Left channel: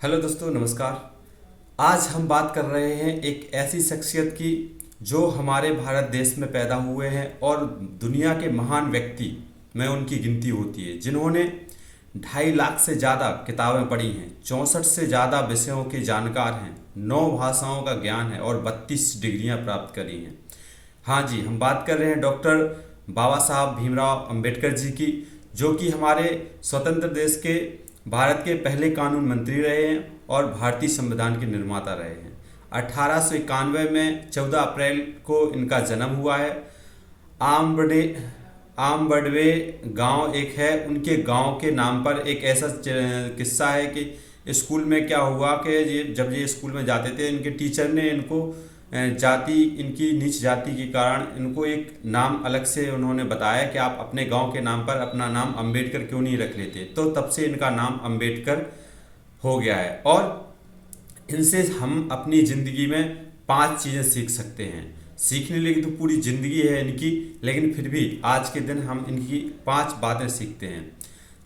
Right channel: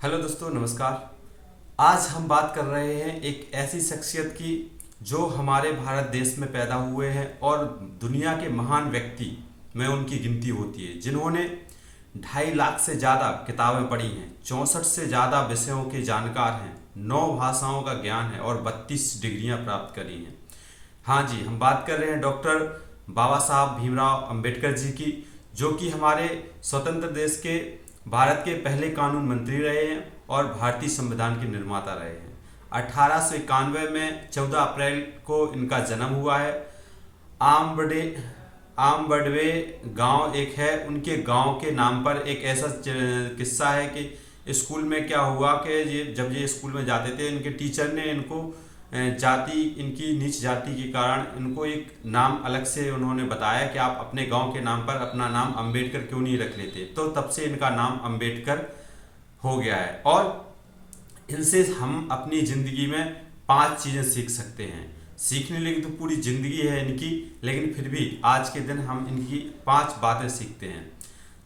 Hello दोस्तों, नमस्कार। आज हम बात कर रहे हैं एक ऐसी शख्सियत की जो हमारे भारत देश में पैदा हुए हैं और दुनिया के महान व्यक्ति में उनकी गिनती होती है, जिन्होंने 2.5 लाख से ज़्यादा किताबें पढ़ी हैं, 64 से ज़्यादा विषयों के जानकार हैं, 9 भाषाओं का ज्ञान है और 32 डिग्रियां प्राप्त करी हैं। हाँ जी, हम बात कर रहे हैं डॉक्टर बाबा साहब भीमराव अंबेडकर जी की, जो कि हमारे स्वतंत्र देश के भारत के पहले कानून मंत्री रहे हैं और भारतीय संविधान के निर्माता रहे हैं। 1891 में 14 अप्रैल को इनका जन्म हुआ है। आमबड़े आमबड़वे गांव एक है, उनके गांव के नाम पर एक ऐसा किस्सा है कि स्कूल में क्या हुआ कि जब ये स्कूल में जाते थे, इनके टीचर ने इनको इनकी नीच जाति के कारण इनको एक नाम अलग से उन्होंने बताया कि आप अपने गांव के नाम पर अपना नाम अंबेडकर क्यों नहीं रख लेते। तो तब से इनका नाम अंबेडकर हो गया है। और इनसे हम अपनी ज़िंदगी में 5 चीज़ें सीख सकते हैं। सीखने लगी तो पूरी ज़िंदगी है इनकी, लेकिन फिर भी आज के दिन हम इनकी 5 बातें सीखते हैं।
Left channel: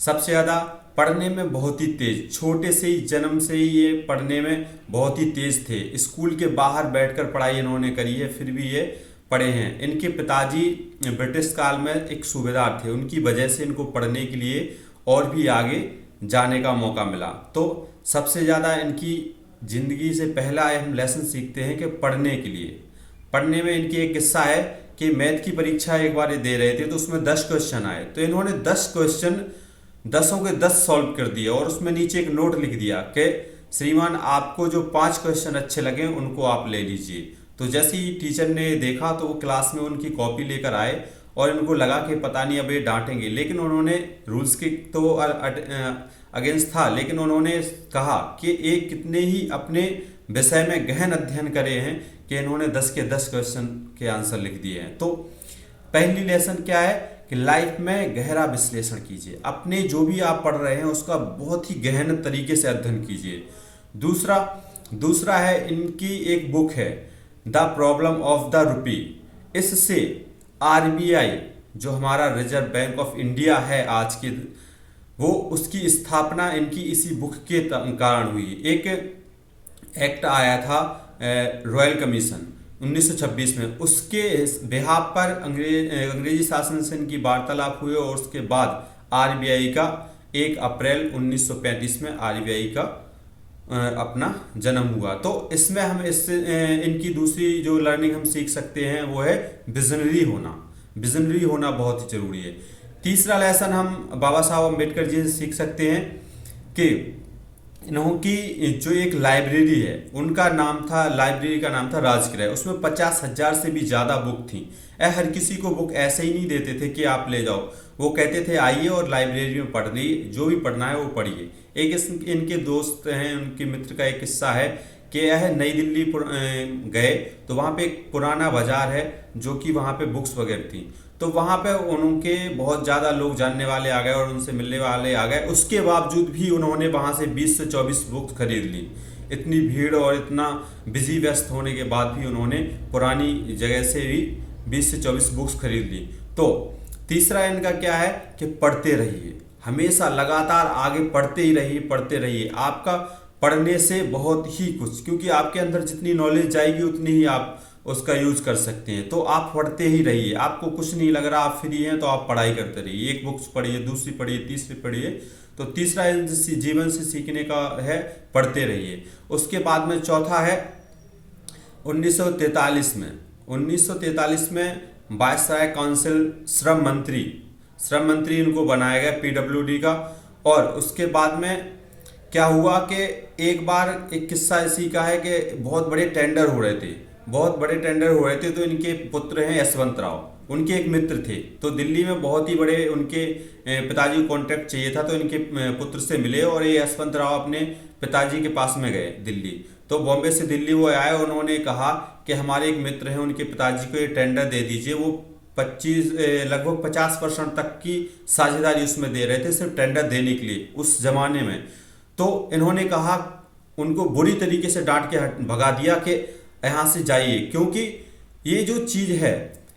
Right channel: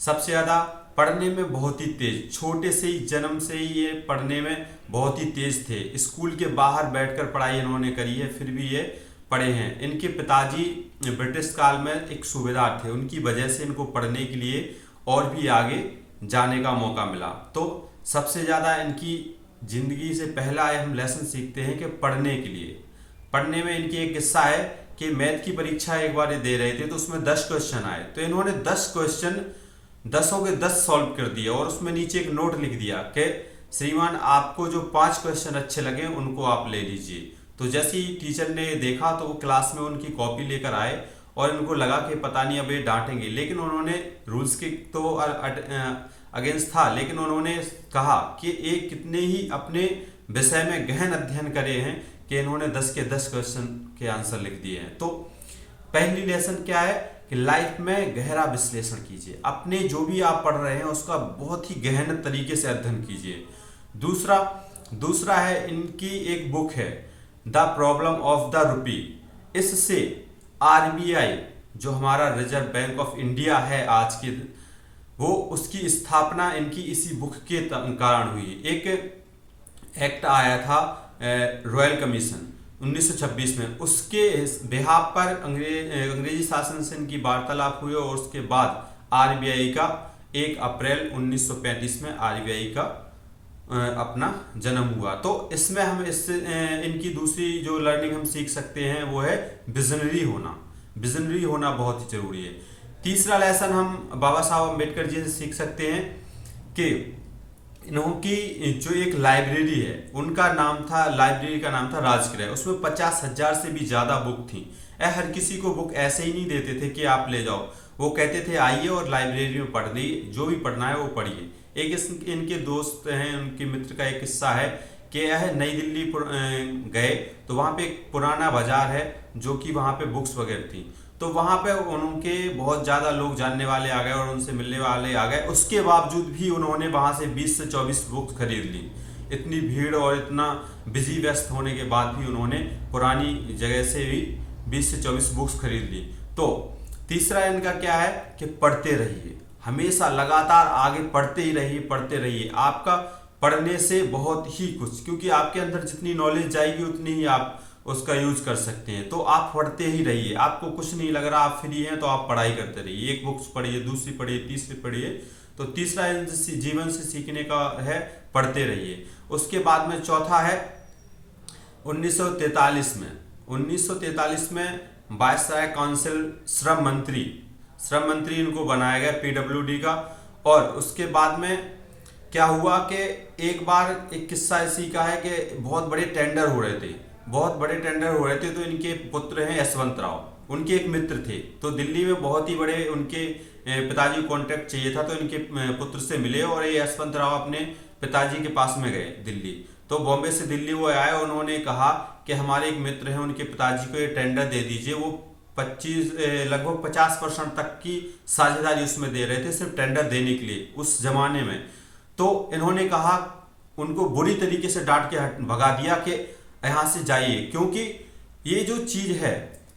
सबसे ज़्यादा पढ़ने में बहुत ही तेज, छोटे से ही जन्म से ही ये पढ़ने में बहुत ही तेज थे। स्कूल के बाहर बैठकर पढ़ाई इन्होंने करी है, फिर भी ये पढ़े हैं। इनके पिताजी ब्रिटिश काल में एक सूबेदार थे, उनकी वजह से इनको पढ़ने के लिए और भी आगे जाने का मौका मिला। तो सबसे ज़्यादा इनकी ज़िंदगी से पहला हम लेसन सीखते हैं कि पढ़ने के लिए, पढ़ने में इनकी एक किस्सा है कि मैथ की परीक्षा एक बार ये दे रहे थे, तो उसमें 10 क्वेश्चन आए, तो इन्होंने 10 क्वेश्चन 10 के 10 सॉल्व कर दिया और उसमें नीचे एक नोट लिख दिया कि श्रीमान आपको जो 5 क्वेश्चन अच्छे लगे उनको आप ले लीजिए। तो जैसे ही टीचर ने देखा तो वो क्लास में उनकी कॉपी लेकर आए और इनको लगा कि पता नहीं अब ये डांटेंगे, लेकिन उन्होंने रूल्स के तो अगेंस्ट था, लेकिन उन्होंने कहा कि ये कितने ही अपने विषय में गहन अध्ययन करे हैं कि इन्होंने 10 के 10 क्वेश्चन के आंसर लिख दिए हैं। तो पहली लेसन क्या है कि लाइफ में गहरा विश्लेषण कीजिए, अपने जो भी आप पढ़ रहे हैं उसका बहुत ही गहन तरीके से अध्ययन कीजिए। दूसरा है इनकी एक बुक है the problem of the rupee. इससे आरबीआई जो हमारा रिजर्व बैंक ऑफ इंडिया है आज की, वो उसकी स्थापना इनकी इसी बुक के कारण हुई। एक एक्ट आया था रॉयल कमीशन 1926 में, उसके बेहाफ पर अंग्रेजी शासन से इनकी वार्तालाप हुई और उसके बाद आरबीआई का 1 अप्रैल 1935 में आरबीआई का अपना जन्म हुआ। तो इसमें हम इससे इनकी दूसरी जो लर्निंग हम सीख सकते हैं वो है विजनरी होना बहुत ही जरूरी है। तीसरा लेसन हम बाबा साहब अम्बेडकर जी से सीख सकते हैं कि इनकी जो एक लाइब्रेरी है, उनका नाम था, लाइब्रेरी का नाम था राजगृह। उसमें 50,000 से भी ज़्यादा बुक थी। हर किसी को बुक ऐसे ही नहीं देते थे कि आप ले जाओ, वो कहते थे आइए और लाइब्रेरी में पढ़िए, जो भी पढ़ना है वो पढ़िए। एक इनके दोस्त हैं, उनके मित्र का एक किस्सा है कि यह नई दिल्ली गए तो वहाँ पे एक पुराना बाजार है जो कि वहाँ पे बुक्स वगैरह थी, तो वहाँ पे उनके बहुत ज़्यादा लोग जानने वाले आ गए और उनसे मिलने वाले आ गए। उसके बावजूद भी उन्होंने वहाँ से 20 से 24 बुक्स खरीद ली। इतनी भीड़ और इतना बिजी व्यस्त होने के बाद भी उन्होंने पुरानी जगह से भी 20 से 24 बुक्स खरीद ली। तो तीसरा इनका क्या है कि पढ़ते रहिए, हमेशा लगातार आगे पढ़ते ही रहिए। आपका पढ़ने से बहुत ही कुछ, क्योंकि आपके अंदर जितनी नॉलेज जाएगी उतनी ही आप उसका यूज कर सकते हैं। तो आप पढ़ते ही रहिए, आपको कुछ नहीं लग रहा, आप फ्री हैं तो आप पढ़ाई करते रहिए। एक बुक्स पढ़िए, दूसरी पढ़िए, तीसरी पढ़िए। तो तीसरा जीवन से सीखने का है पढ़ते रहिए। उसके बाद में चौथा है 1943 में वायसराय काउंसिल श्रम मंत्री इनको बनाया गया पीडब्ल्यूडी का। और उसके बाद में क्या हुआ कि एक बार एक किस्सा इसी का है कि बहुत बड़े टेंडर हो रहे थे, तो इनके पुत्र हैं यशवंत राव, उनके एक मित्र थे। तो दिल्ली में बहुत ही बड़े उनके पिताजी को कॉन्ट्रैक्ट चाहिए था, तो इनके पुत्र से मिले और ये यशवंत राव अपने पिताजी के पास में गए दिल्ली। तो बॉम्बे से दिल्ली वो आए, उन्होंने कहा कि हमारे एक मित्र हैं, उनके पिताजी को ये टेंडर दे दीजिए। वो लगभग 50% तक की साझेदारी उसमें दे रहे थे सिर्फ टेंडर देने के लिए उस जमाने में। तो इन्होंने कहा, उनको बुरी तरीके से डांट के भगा दिया कि यहाँ से जाइए, क्योंकि ये जो चीज़ है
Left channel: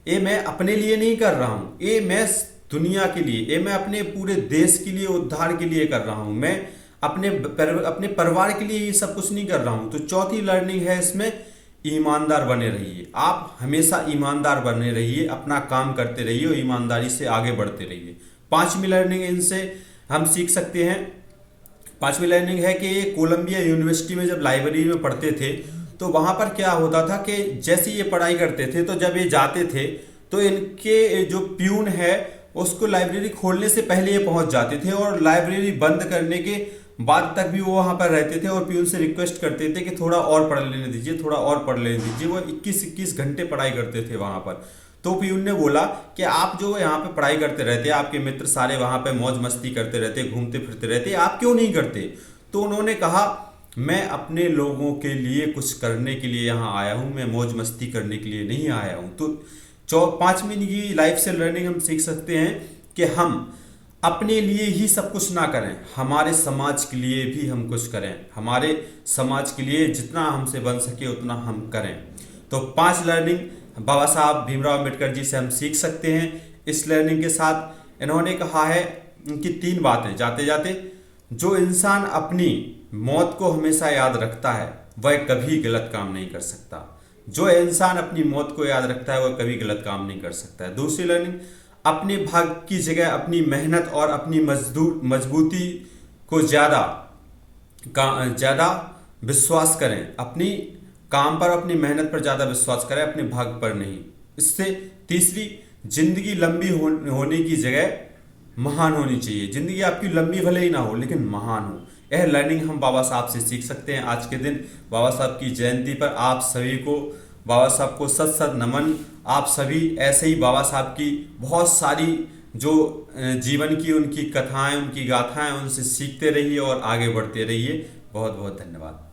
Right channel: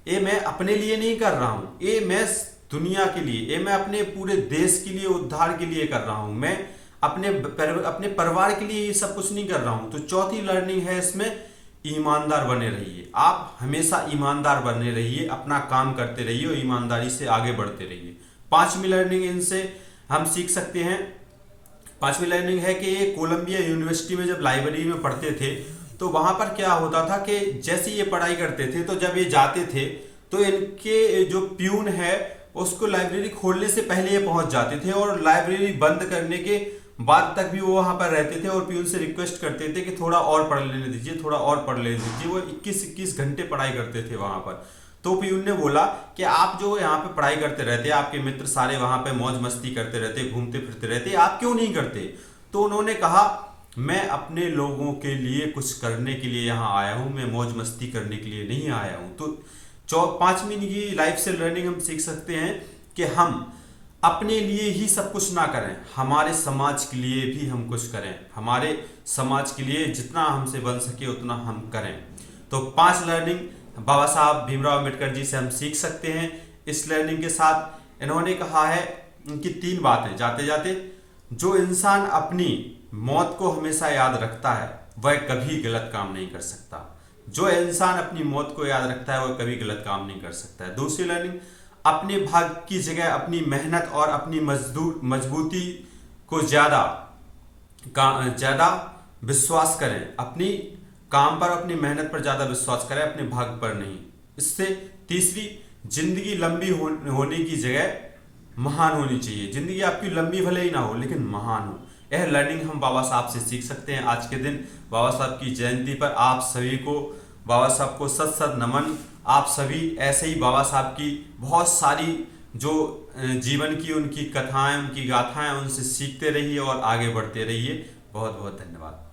ये मैं अपने लिए नहीं कर रहा हूँ, ये मैं दुनिया के लिए, ये मैं अपने पूरे देश के लिए, उद्धार के लिए कर रहा हूँ। मैं अपने परिवार के लिए ये सब कुछ नहीं कर रहा हूँ। तो चौथी लर्निंग है इसमें, ईमानदार बने रहिए। आप हमेशा ईमानदार बने रहिए, अपना काम करते रहिए और ईमानदारी से आगे बढ़ते रहिए। पांचवी लर्निंग इनसे हम सीख सकते हैं, पांचवी लर्निंग है कि ये कोलंबिया यूनिवर्सिटी में जब लाइब्रेरी में पढ़ते थे तो वहाँ पर क्या होता था कि जैसे ये पढ़ाई करते थे तो जब ये जाते थे तो इनके जो प्यून है उसको लाइब्रेरी खोलने से पहले ये पहुंच जाते थे और लाइब्रेरी बंद करने के बाद तक भी वो वहाँ पर रहते थे और प्यून से रिक्वेस्ट करते थे कि थोड़ा और पढ़ लेने दीजिए, थोड़ा और पढ़ लेने दीजिए। वो 21-21 घंटे पढ़ाई करते थे वहाँ पर। तो प्यून ने बोला कि आप जो यहाँ पे पढ़ाई करते रहते, आपके मित्र सारे वहाँ पे मौज मस्ती करते रहते, घूमते फिरते रहते, आप क्यों नहीं करते? तो उन्होंने कहा मैं अपने लोगों के लिए कुछ करने के लिए यहाँ आया हूँ, मैं मौज मस्ती करने के लिए नहीं आया हूँ। तो पांचवी की लाइफ से लर्निंग हम सीख सकते हैं कि हम अपने लिए ही सब कुछ ना करें, हमारे समाज के लिए भी हम कुछ करें, हमारे समाज के लिए जितना हमसे बन सके उतना हम करें। तो 5 लर्निंग बाबा साहब भीमराव अम्बेडकर जी से हम सीख सकते हैं। इस लर्निंग के साथ इन्होंने कहा है कि 3 बातें जाते जाते, जो इंसान अपनी मौत को हमेशा याद रखता है वह कभी गलत काम नहीं कर सकता। जो इंसान अपनी मौत को याद रखता है वह कभी गलत काम नहीं कर सकता है। दूसरी लर्निंग, अपने भाग्य की जगह अपनी मेहनत और अपनी मजबूती को ज़्यादा विश्वास करें। अपनी काम पर, अपनी मेहनत पर ज़्यादा विश्वास करें, अपने भाग्य पर नहीं। इससे तीसरी, जिंदगी लंबी होने की जगह महान होनी चाहिए। जिंदगी आपकी लंबी भले ही ना हो लेकिन महान हो। यह लर्निंग हम बाबा साहब से सीख सकते हैं। आज के दिन बाबा साहब की जयंती पर आप सभी को, बाबा साहब को सत सत नमन। आप सभी ऐसे ही बाबा साहब की बहुत सारी जो जीवन की उनकी कथाएं, उनकी गाथाएं, उनसे सीखते रहिए और आगे बढ़ते रहिए। बहुत बहुत धन्यवाद।